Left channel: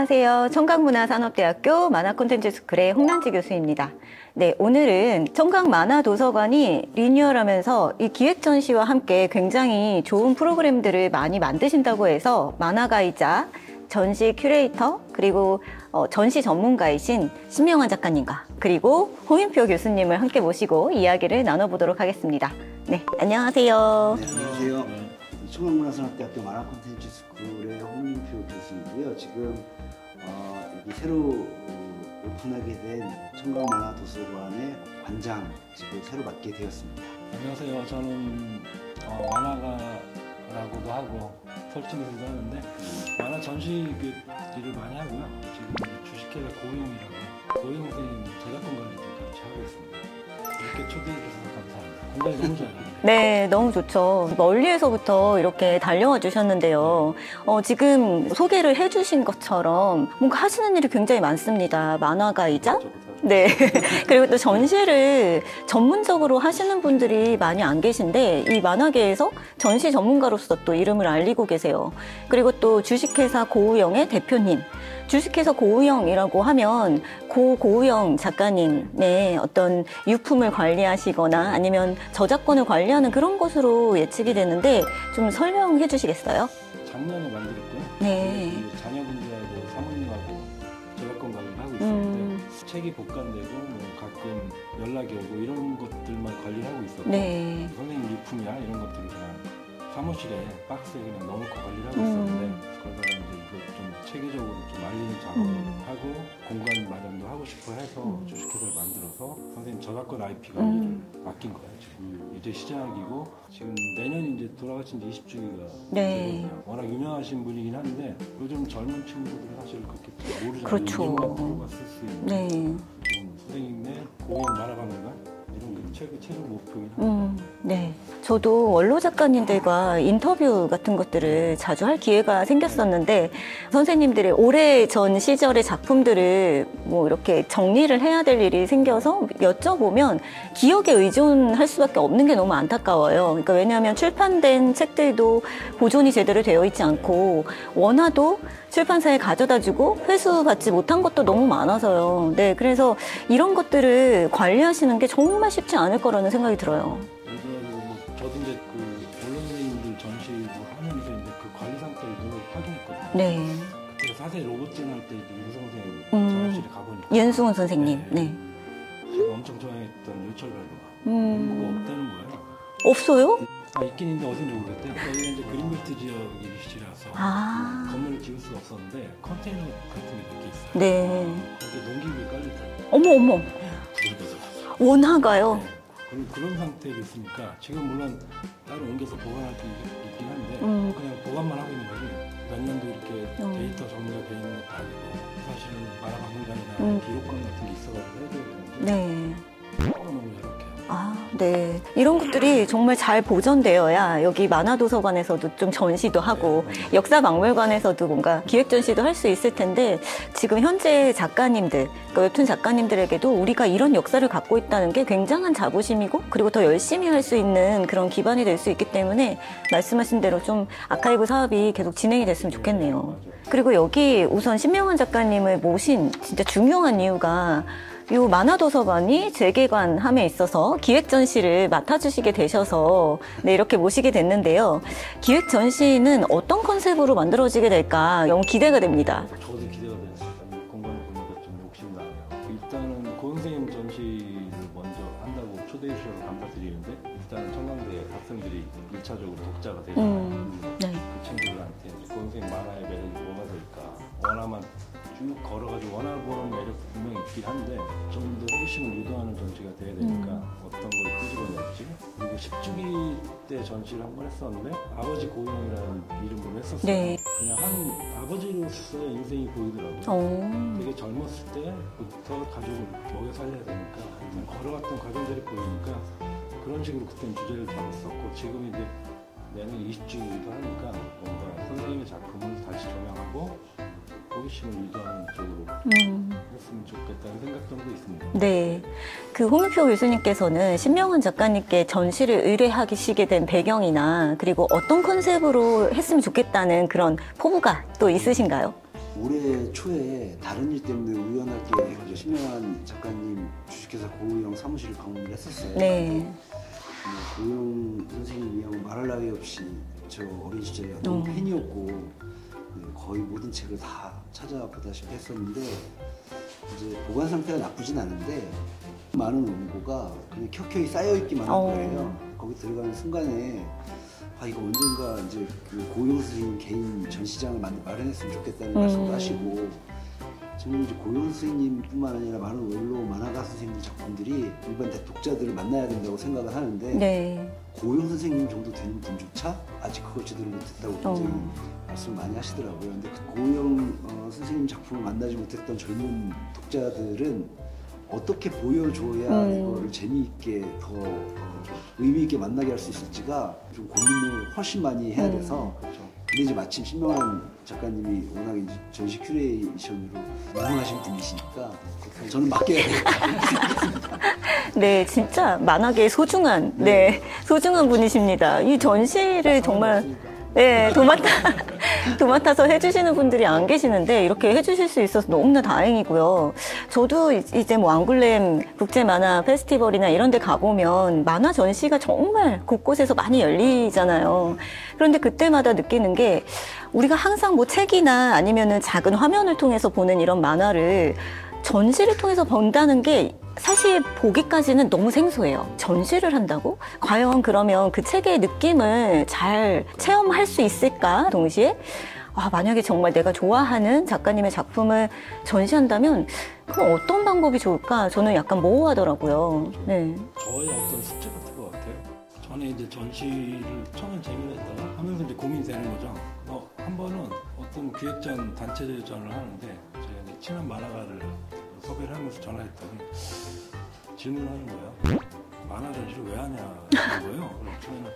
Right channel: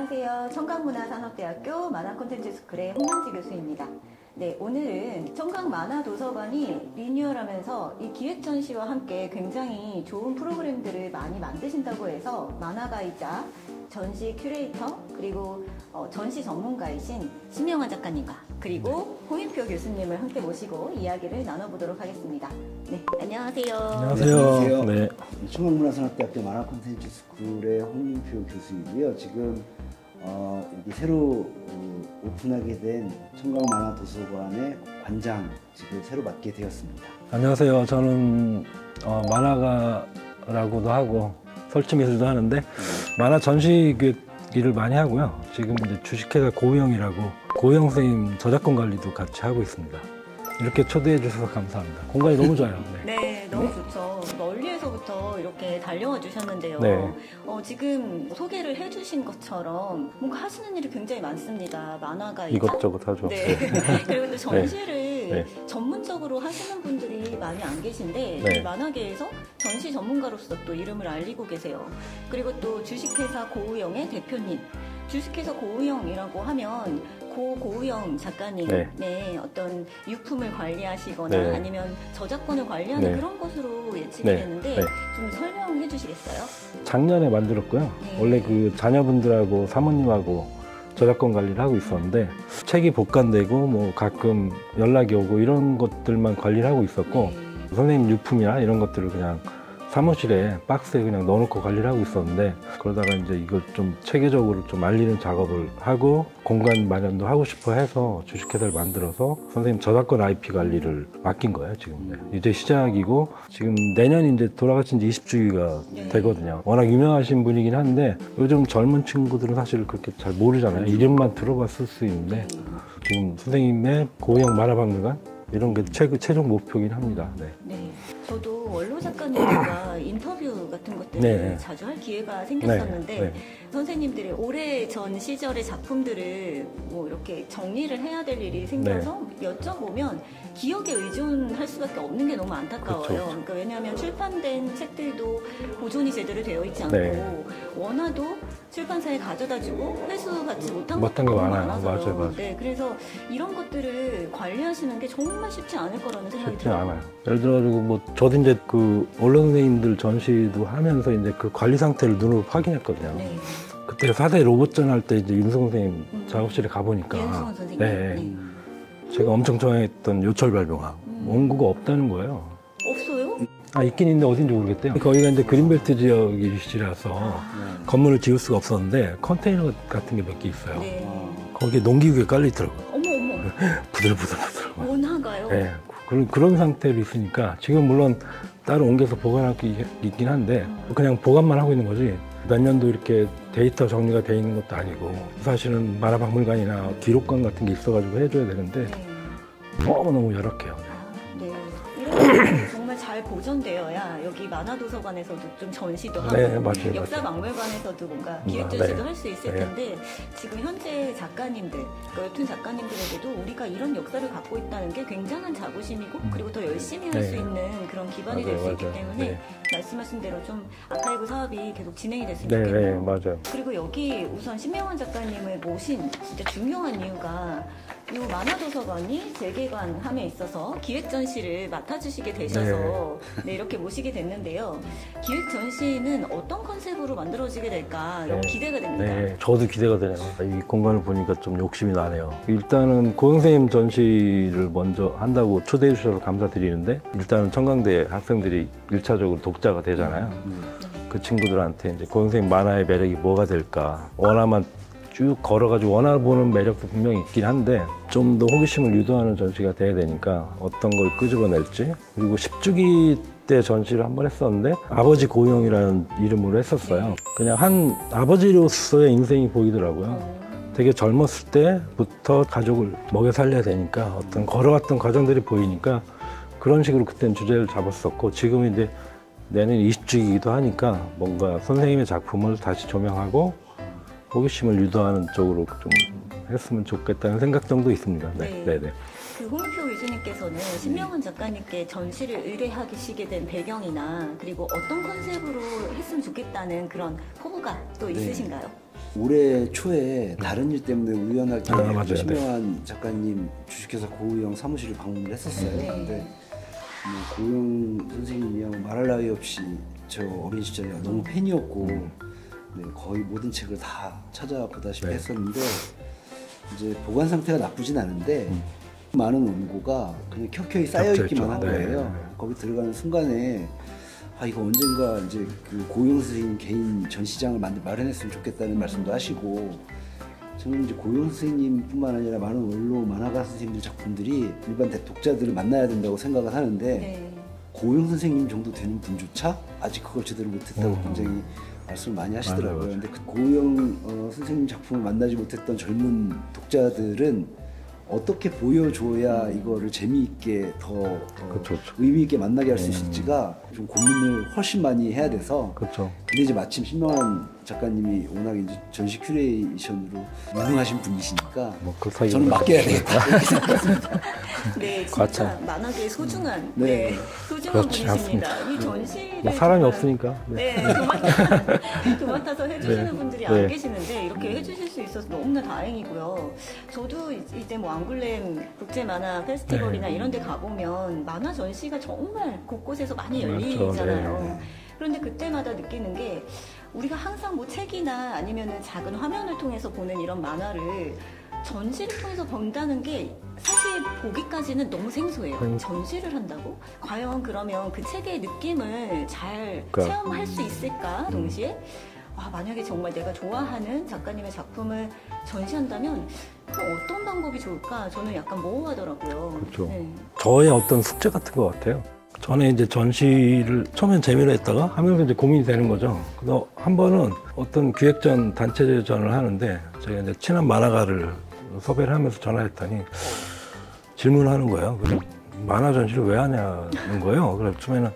안녕하세요. 청각문화산업대학교 만화콘텐츠스쿨의 홍란지 교수입니다. 네, 오늘은 청각만화도서관이 리뉴얼하면서 이 기획전시와 함께 굉장히 좋은 프로그램들을 많이 만드신다고 해서 만화가이자 전시 큐레이터 그리고 전시 전문가이신 신명환 작가님과 그리고 홍인표 교수님을 함께 모시고 이야기를 나눠보도록 하겠습니다. 네, 안녕하세요. 안녕하세요. 네. 청각문화산업대학교 만화콘텐츠스쿨의 홍인표 교수인데요. 지금 여기 새로 오픈하게 된 청각만화도서관의 관장 지금 새로 맡게 되었습니다. 안녕하세요. 저는 만화가라고도 하고 설치미술도 하는데 만화 전시 일을 많이 하고요. 지금 이제 주식회사 고우영이라고 고우영 선생님 저작권 관리도 같이 하고 있습니다. 이렇게 초대해 주셔서 감사합니다. 공간이 너무 좋아요. 네, 너무 좋죠. 멀리에서부터 이렇게 달려와 주셨는데요. 지금 소개를 해주신 것처럼 뭔가 하시는 일이 굉장히 많습니다. 만화가이자 이것저것 하죠. 네. 그리고 또 전시를 네. 전문적으로 하시는 분들이 많이 안 계신데 네. 이 만화계에서 전시 전문가로서 또 이름을 알리고 계세요. 그리고 또 주식회사 고우영의 대표님. 주식회사 고우영이라고 하면 고우영 작가님의 어떤 유품을 관리하시거나 네. 아니면 저작권을 관리하는 네. 그런 곳으로 예측이 네. 되는데 네. 좀 설명해 주시겠어요? 작년에 만들었고요. 네. 원래 그 자녀분들하고 사모님하고 저작권 관리를 하고 있었는데 책이 복간되고 뭐 가끔 연락이 오고 이런 것들만 관리를 하고 있었고 네. 선생님 유품이나 이런 것들을 그냥 사무실에 박스에 그냥 넣어놓고 관리를 하고 있었는데 그러다가 이제 이걸 좀 체계적으로 좀 알리는 작업을 하고 공간 마련도 하고 싶어 해서 주식회사를 만들어서 선생님 저작권 IP 관리를 맡긴 거예요. 지금 이제 시작이고 지금 내년 이제 돌아가신 지 20주기가 네. 되거든요. 워낙 유명하신 분이긴 한데 요즘 젊은 친구들은 사실 그렇게 잘 모르잖아요. 그렇죠. 이름만 들어봤을 수 있는데 지금 선생님의 고우영 만화박물관 이런 게 최종 목표긴 합니다. 네. 저도 원로 작가님들과 인터뷰 같은 것들을 네. 자주 할 기회가 생겼었는데 네. 선생님들의 오래전 시절의 작품들을 뭐 이렇게 정리를 해야 될 일이 생겨서 여쭤보면 기억에 의존할 수밖에 없는 게 너무 안타까워요. 그렇죠. 그러니까 왜냐하면 출판된 책들도 보존이 제대로 되어 있지 않고 원화도 출판사에 가져다주고 회수받지 못한 것도 너무 많아서요. 맞아요. 네, 그래서 이런 것들을 관리하시는 게 정말 쉽지 않을 거라는 생각이 들어요. 예를 들어가지고 뭐 저도 이제 그 언론 선생님들 전시도 하면서 이제 그 관리 상태를 눈으로 확인했거든요. 네. 그때 4대 로봇전 할 때 이제 윤승 선생님 작업실에 가보니까 윤승훈 선생님. 네. 네. 제가 엄청 좋아했던 요철 발명왕 원고가 없다는 거예요. 없어요? 있긴 있는데 어딘지 모르겠대요. 거기가 이제 그린벨트 지역이시라서 건물을 지을 수가 없었는데 컨테이너 같은 게 몇 개 있어요. 네. 거기에 농기구에 깔려있더라고요. 어머. 부들부들하더라고요. 원화가요? 네. 그런 상태로 있으니까 지금 물론 따로 옮겨서 보관할 게 있긴 한데 그냥 보관만 하고 있는 거지 몇 년도 이렇게 데이터 정리가 돼 있는 것도 아니고 사실은 만화박물관이나 기록관 같은 게 있어가지고 해줘야 되는데 네. 너무 열악해요. 네. 이런 것들이 정말 잘 보존되어야 여기 만화도서관에서도 좀 전시도 하고 네, 맞아요. 역사박물관에서도 뭔가 기획전시도 할 수 있을 텐데 지금 현재 작가님들, 그러니까 웹툰 작가님들에게도 우리가 이런 역사를 갖고 있다는 게 굉장한 자부심이고 그리고 더 열심히 할 수 있는 그런 기반이 될 수 있기 때문에 말씀하신 대로 좀 아카이브 사업이 계속 진행이 됐으면 좋겠네요. 맞아요. 그리고 여기 우선 신명환 작가님을 모신 진짜 중요한 이유가 이 만화도서관이 재개관함에 있어서 기획전시를 맡아주시게 되셔서 이렇게 모시게 됐는데요. 기획전시는 어떤 컨셉으로 만들어지게 될까 너무 기대가 됩니다. 네, 저도 기대가 되네요. 이 공간을 보니까 좀 욕심이 나네요. 일단은 고영 선생님 전시를 먼저 한다고 초대해 주셔서 감사드리는데 일단은 청강대 학생들이 1차적으로 독자가 되잖아요. 네. 그 친구들한테 이제 고영 선생님 만화의 매력이 뭐가 될까 원화만 쭉 걸어가지고 원화 보는 매력도 분명히 있긴 한데 좀 더 호기심을 유도하는 전시가 돼야 되니까 어떤 걸 끄집어낼지 그리고 10주기 때 전시를 한번 했었는데 아버지 고우영이라는 이름으로 했었어요. 네. 그냥 한 아버지로서의 인생이 보이더라고요. 되게 젊었을 때부터 가족을 먹여 살려야 되니까 어떤 걸어왔던 과정들이 보이니까 그런 식으로 그때는 주제를 잡았었고 지금 이제 내년 20주기이기도 하니까 뭔가 선생님의 작품을 다시 조명하고 호기심을 유도하는 쪽으로 좀 했으면 좋겠다는 생각 정도 있습니다. 네. 네네. 그 홍인표 교수님께서는 신명환 작가님께 전시를 의뢰하시게 된 배경이나 그리고 어떤 컨셉으로 했으면 좋겠다는 그런 포부가 또 있으신가요? 올해 초에 다른 일 때문에 우연하게 맞아요. 신명한 작가님 주식회사 고우영 사무실을 방문을 했었어요. 네. 근데 고우영 선생님이하고 말할 나위 없이 저 어린 시절에 너무 팬이었고 네, 거의 모든 책을 다 찾아보다시피 네. 했었는데 이제 보관 상태가 나쁘진 않은데 많은 원고가 그냥 켜켜이 쌓여있기만 한 겹쳐있죠. 거예요. 거기 들어가는 순간에 아 이거 언젠가 이제 그 고용 선생님 개인 전시장을 마련했으면 좋겠다는 말씀도 하시고 저는 이제 고용 선생님뿐만 아니라 많은 원로 만화가 선생님들 작품들이 일반 독자들을 만나야 된다고 생각을 하는데 네. 고용 선생님 정도 되는 분조차 아직 그걸 제대로 못했다고 굉장히 말씀을 많이 하시더라고요. 맞아요. 근데 그 고용 선생님 작품을 만나지 못했던 젊은 독자들은 어떻게 보여줘야 이거를 재미있게 더 그쵸. 의미 있게 만나게 할 수 있을지가 좀 고민을 훨씬 많이 해야 돼서 그렇죠. 근데 이제 마침 신명한 작가님이 워낙 이제 전시 큐레이션으로 유능하신 분이시니까 그 사이에 저는 맡겨야 되겠다. 네, 진짜 만화계의 소중한, 네, 소중한 그렇지 분이십니다. 이 전시를 사람이 정말 없으니까. 네, 도맡아서 해주시는 분들이 안 네. 계시는데 이렇게 해주실 수 있어서 너무나 다행이고요. 저도 이제 뭐 앙굴렘 국제 만화 페스티벌이나 이런 데 가보면 만화 전시가 정말 곳곳에서 많이 열리잖아요. 그런데 그때마다 느끼는 게 우리가 항상 뭐 책이나 아니면은 작은 화면을 통해서 보는 이런 만화를 전시를 통해서 본다는 게 사실 보기까지는 너무 생소해요. 전시를 한다고? 과연 그러면 그 책의 느낌을 잘 체험할 수 있을까? 동시에 만약에 정말 내가 좋아하는 작가님의 작품을 전시한다면 그럼 어떤 방법이 좋을까? 저는 약간 모호하더라고요. 그렇죠. 네. 저의 어떤 숙제 같은 것 같아요. 전에 이제 전시를 처음엔 재미로 했다가 하면서 이제 고민이 되는 거죠. 그래서 한 번은 어떤 기획전 단체전을 하는데 제가 이제 친한 만화가를 섭외를 하면서 전화했더니 질문하는 거예요. 만화 전시를 왜 하냐는 거예요. 그래서 처음에는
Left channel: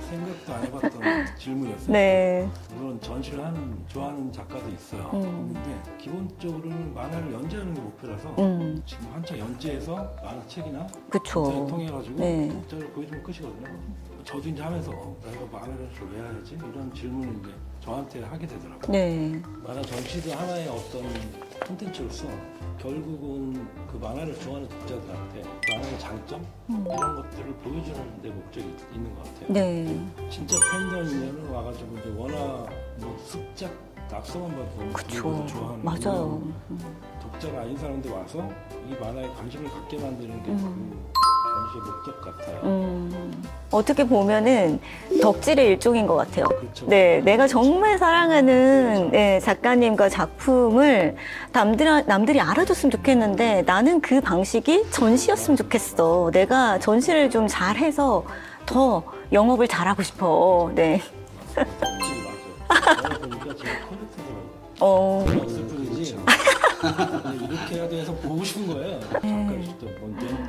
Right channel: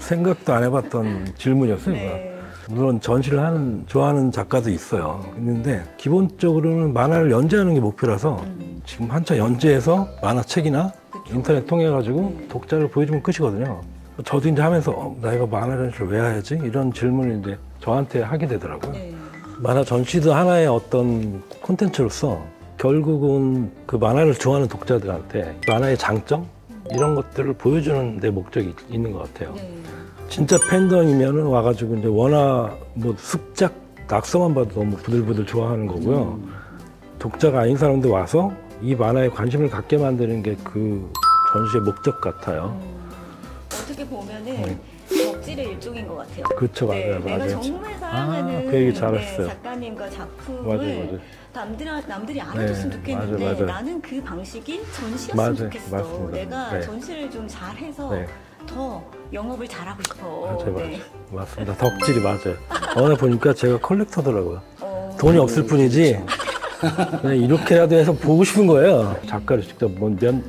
생각도 안 해봤던 질문이었어요. 네. 물론 전시를 좋아하는 작가도 있어요. 있는데 기본적으로는 만화를 연재하는 게 목표라서 지금 한참 연재해서 만화책이나 그쵸. 인터넷 통해 가지고 네. 독자를 보여주면 끝이거든요. 저도 이제 하면서 나 이거 만화 전시를 왜 해야지? 이런 질문을 이제 저한테 하게 되더라고요. 네. 만화 전시도 하나의 어떤 콘텐츠로서 결국은 그 만화를 좋아하는 독자들한테 만화의 장점 이런 것들을 보여주는 데 목적이 있는 것 같아요. 네. 진짜 팬덤이면은 와가지고 이제 워낙 뭐 습작 낙서만 봐도 너무 부들부들 좋아하는 맞아요. 거고요. 독자가 아닌 사람들 와서 이 만화에 관심을 갖게 만드는 게 그 전시의 목적 같아요. 어떻게 보면은 덕질의 일종인 것 같아요. 그렇죠. 네, 맞아요. 내가 맞아요. 정말 그 사랑하는 얘기 잘했어요. 네, 작가님과 작품을 남들이 알아줬으면 네, 좋겠는데 맞아요. 나는 그 방식이 전시였으면 맞아요. 좋겠어. 맞습니다. 내가 네. 전시를 좀 잘해서 네. 더 영업을 잘하고 싶어. 맞아요. 네. 맞습니다. 덕질이 맞아요. 어느 보니까 제가 컬렉터더라고요. 돈이 없을 뿐이지 그냥 이렇게라도 해서 보고 싶은 거예요. 작가를 직접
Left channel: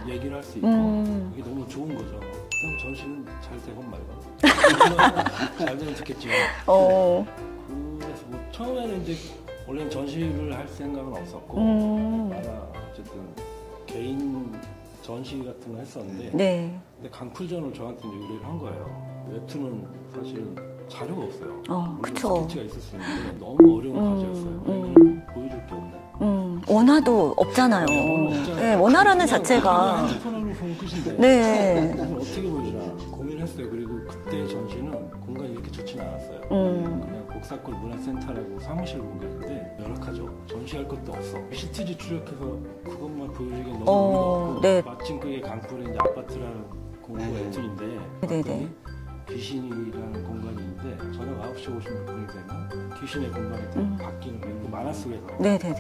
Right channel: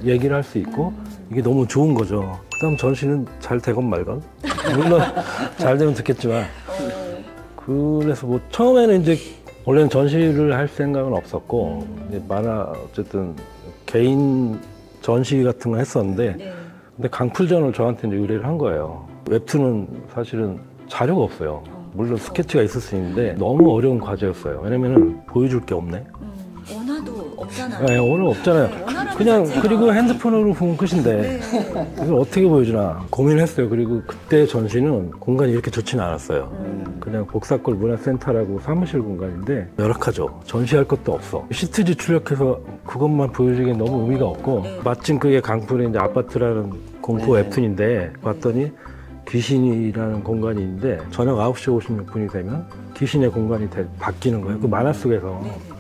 얘기를 할 수 있고 이게 너무 좋은 거죠. 그다음 전시는 잘 되건 말건 물론 잘 되면 좋겠지만 그래서 뭐 처음에는 이제 원래는 전시를 할 생각은 없었고 이제 만화 어쨌든 개인 전시 같은 거 했었는데 네. 근데 강풀전을 저한테 이제 의뢰를 한 거예요. 웹툰은 사실은 자료가 없어요. 물론 그쵸. 스케치가 있을 수 있는데 너무 어려운 과제였어요. 왜냐면은 보여줄 게 없네. 원화도 없잖아요. 네, 오늘 없잖아요. 네, 원화라는 그냥 자체가. 그리고 핸드폰으로 보면 끝인데 네. 이걸 어떻게 보여주나 고민을 했어요. 그리고 그때 전시는 공간이 이렇게 좋지는 않았어요. 그냥 복사골 문화센터라고 사무실 공간인데 열악하죠. 전시할 것도 없어. 시트지 출력해서 그것만 보여주기엔 너무 의미가 없고 네. 마침 그게 강풀의 이제 아파트라는 공포 웹툰인데 봤더니 귀신이라는 공간이 있는데 저녁 9시 56분이 되면 귀신의 공간이 바뀌는 거예요. 그 만화 속에서. 네네네.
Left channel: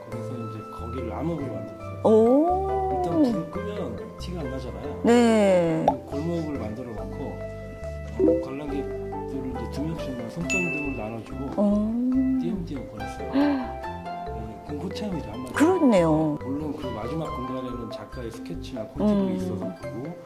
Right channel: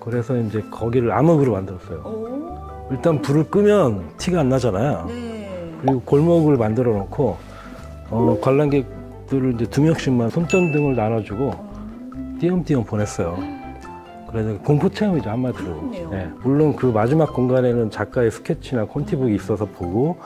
그래서 이제 거기를 암흑으로 만들었어요. 오. 일단 불을 끄면 티가 안 나잖아요. 네. 그리고 골목을 만들어 놓고 관람객들을 이제 2명씩만 손전등을 나눠주고 띄엄띄엄 보냈어요. 그래서 공포 체험이죠 한마디로. 그렇네요. 물론 그 마지막 공간에는 작가의 스케치나 콘티북이 있어서 보고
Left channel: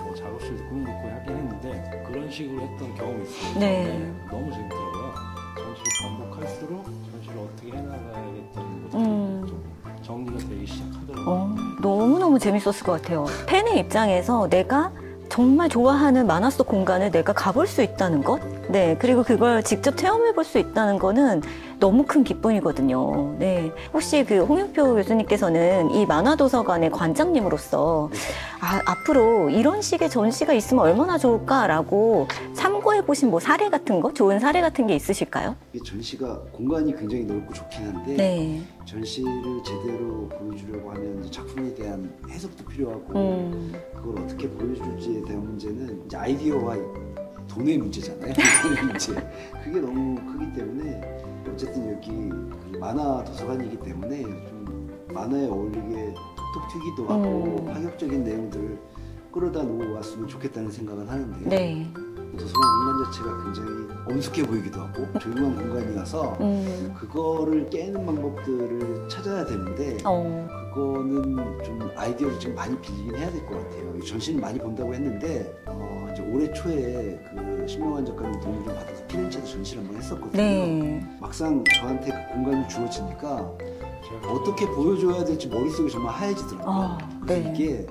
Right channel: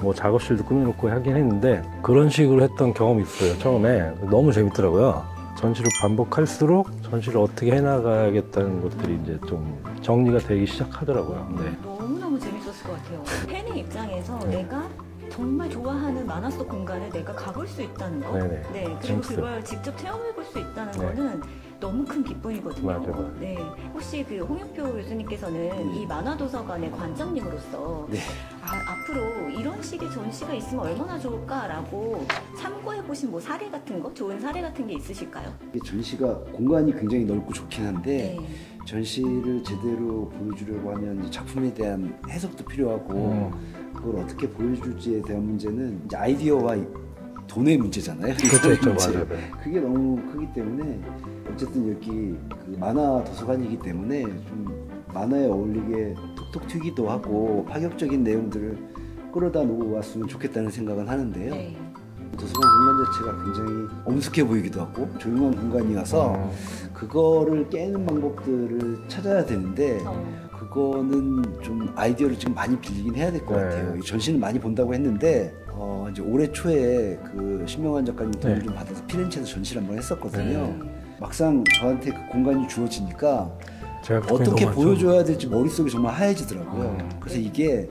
뭐 작업실도 꾸며놓고 하긴 했는데 그런 식으로 했던 경험이 있어요. 처음에 너무 재밌더라고요. 전시를 반복할수록 전시를 어떻게 해나가야겠다는 것들이 이제 좀 정리가 되기 시작하더라고요. 네. 너무너무 재밌었을 것 같아요. 팬의 입장에서 내가 정말 좋아하는 만화 속 공간을 내가 가볼 수 있다는 거. 네네. 네, 그리고 재밌어요. 그걸 직접 체험해 볼 수 있다는 거는 너무 큰 기쁨이거든요. 맞아요. 네. 혹시 그 홍영표 교수님께서는 이 만화도서관의 관장님으로서 네. 앞으로 이런 식의 전시가 있으면 얼마나 좋을까라고 참고해 보신 뭐 사례 같은 거, 좋은 사례 같은 게 있으실까요? 이 전시가 공간이 굉장히 넓고 좋긴 한데 네. 전시를 제대로 보여주려고 하면 이제 작품에 대한 해석도 필요하고 그걸 어떻게 보여줄지에 대한 문제는 이제 아이디어와 돈의 문제잖아요. 그렇죠, 맞아요. 그게 너무 크기 때문에 어쨌든 여기 그 만화 도서관이기 때문에 좀 만화에 어울리게 톡톡 튀기도 하고 파격적인 내용들을 끌어다 놓았으면 좋겠다는 생각은 하는데요. 네. 도서관 공간 자체가 굉장히 엄숙해 보이기도 하고 조용한 공간이라서 그거를 깨는 방법들을 찾아야 되는데 그거는 좀 아이디어를 지금 많이 빌리긴 해야 될 것 네. 같아요. 전시는 많이 본다고 했는데 이제 올해 초에 그 신명환 작가님 도움을 네. 좀 받아서 피렌체에서 전시를 한번 했었거든요. 네. 막상 저한테 그 공간이 주어지니까 제가 어떻게 너무 보여줘야 될지 머릿속이 정말 하얘지더라고요. 아, 그래서 네. 이게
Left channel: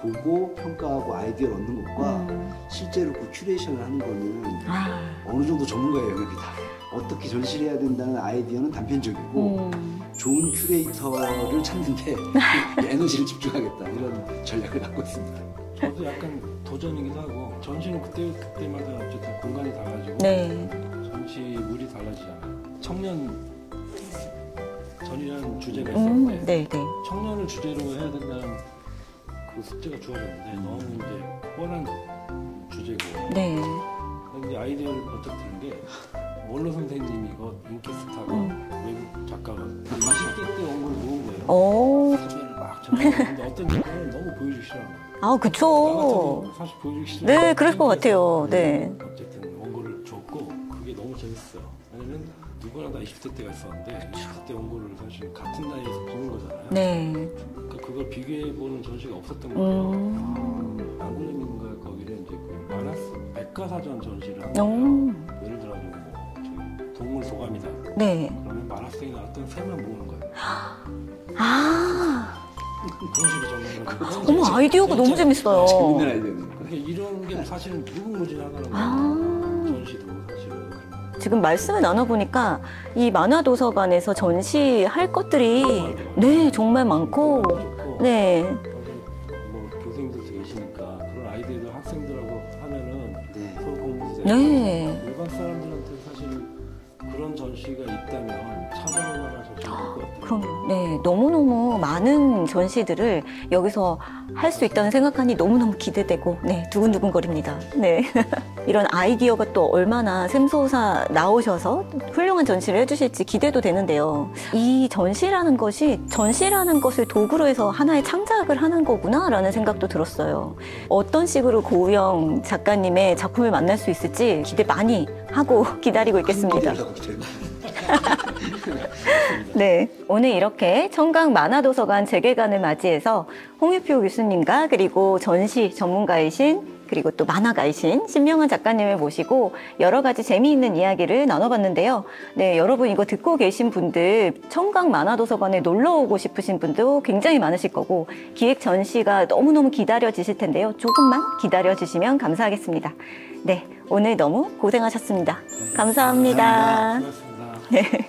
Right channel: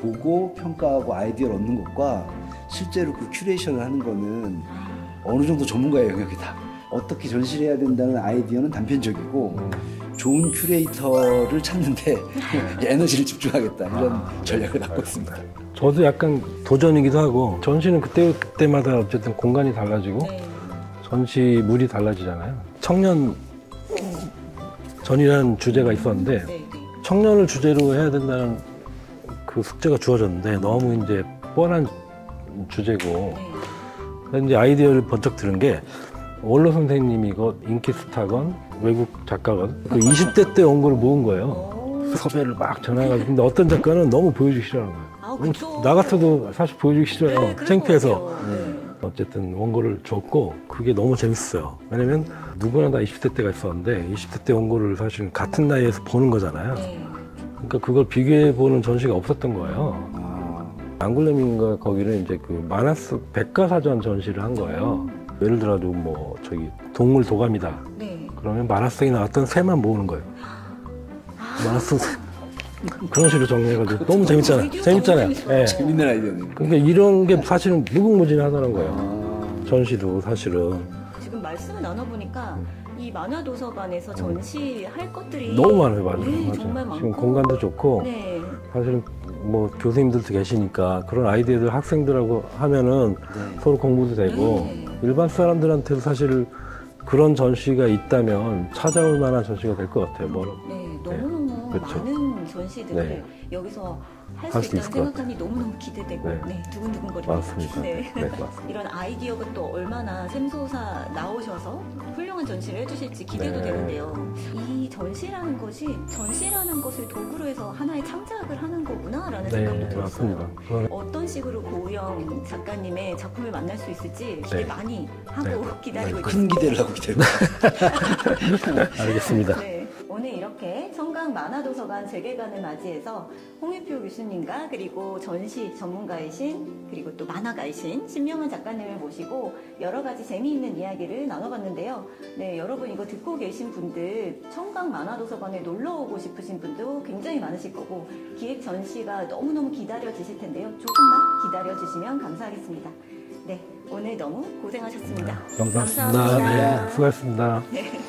보고 평가하고 아이디어를 얻는 것과 실제로 그 큐레이션을 하는 거는 어느 정도 전문가의 영역이다. 어떻게 전시를 해야 된다는 아이디어는 단편적이고 좋은 큐레이터를 찾는데 에너지를 집중하겠다 이런 전략을 갖고 있습니다. 저도 약간 도전이기도 하고 전시는 그때마다 어쨌든 공간이 달라지고 네. 전시물이 달라지잖아요. 청년 전이라는 주제가 있었는데 네, 네. 청년을 주제로 해야 된다는 그 숙제가 주어졌는데 너무 이제 뻔한 주제고 네. 그래서 이제 아이디어를 번쩍 들은 게 원로 선생님이 인기 스타건 외국 작가건 그 20대 때 온 거를 모은 거예요. 오. 섭외를 막 전화해가지고 근데 어떤 작가는 너무 보여주기 싫어하는 거예요. 아, 그쵸. 나 같아도 사실 보여주기 싫어요. 네, 그럴 것 창피해서. 같아요. 네. 어쨌든 원고를 줬고 그게 너무 재밌어요. 왜냐면 누구나 다 20대 때가 있었는데 20대 때 원고를 사실 같은 나이에서 보는 거잖아요. 네. 그러니까 그걸 비교해보는 전시가 없었던 거예요. 앙굴렘인가 거기는 이제 그 만화 속 백과사전 전시를 한 거예요. 예를 들어 뭐 저기 동물 도감이다. 네. 그러면 만화 속에 나왔던 새만 모으는 거예요. 만화 속 그런 식으로 정리해가지고 너무 재밌잖아요. 아이디어가 너무 재밌잖아요. 재밌어요. 네. 재밌는 아이디어네. 그러니까 이런 게 사실은 무궁무진하더라고요. 전시도 사실은 지금 말씀을 나눠보니까 이 만화도서관에서 전시할 것들이 너무 많아요. 네, 정말 지금 많고. 공간도 좋고 네. 사실은 뭐 교수님들도 계시니까 그런 아이디어들 학생들하고 하면은 네. 서로 공부도 되고 네. 일반 사람들한테도 사실 그런 전시가 있다면 찾아올 만한 전시가 될 것 같아요. 그럼, 네, 너무너무 그렇죠. 많은 전시들을 여기서 할 수 수 있다는 있을 생각하니 너무너무 기대되고, 네, 두근두근거립니다. 맞습니다. 네. 네, 맞습니다. 이런 아이디어가 또 얼마나 샘솟아 나오셔서 훌륭한 전시를 해주실지 기대도 네. 되는데요. 이 전시라는 것이 전시라는 것을 도구로 해서 하나의 창작을 하는 거구나라는 생각도 들었어요. 맞습니다. 어떤 식으로 고우영 작가님의 작품을 만날 수 있을지 기대 네. 많이 하고 기다리고 큰 있겠습니다. 기대를 하고 기다리고 알겠습니다. 네, 오늘 이렇게 청강 만화도서관 재개관을 맞이해서 홍유표 교수님과 그리고 전시 전문가이신 그리고 또 만화가이신 신명환 작가님을 모시고 여러 가지 재미있는 이야기를 나눠봤는데요. 네, 여러분 이거 듣고 계신 분들 청강 만화도서관에 놀러 오고 싶으신 분도 굉장히 많으실 거고 기획 전시가 너무너무 기다려지실 텐데요. 조금만 기다려주시면 감사하겠습니다. 네, 오늘 너무 고생하셨습니다. 감사합니다. 네, 수고하셨습니다. 네.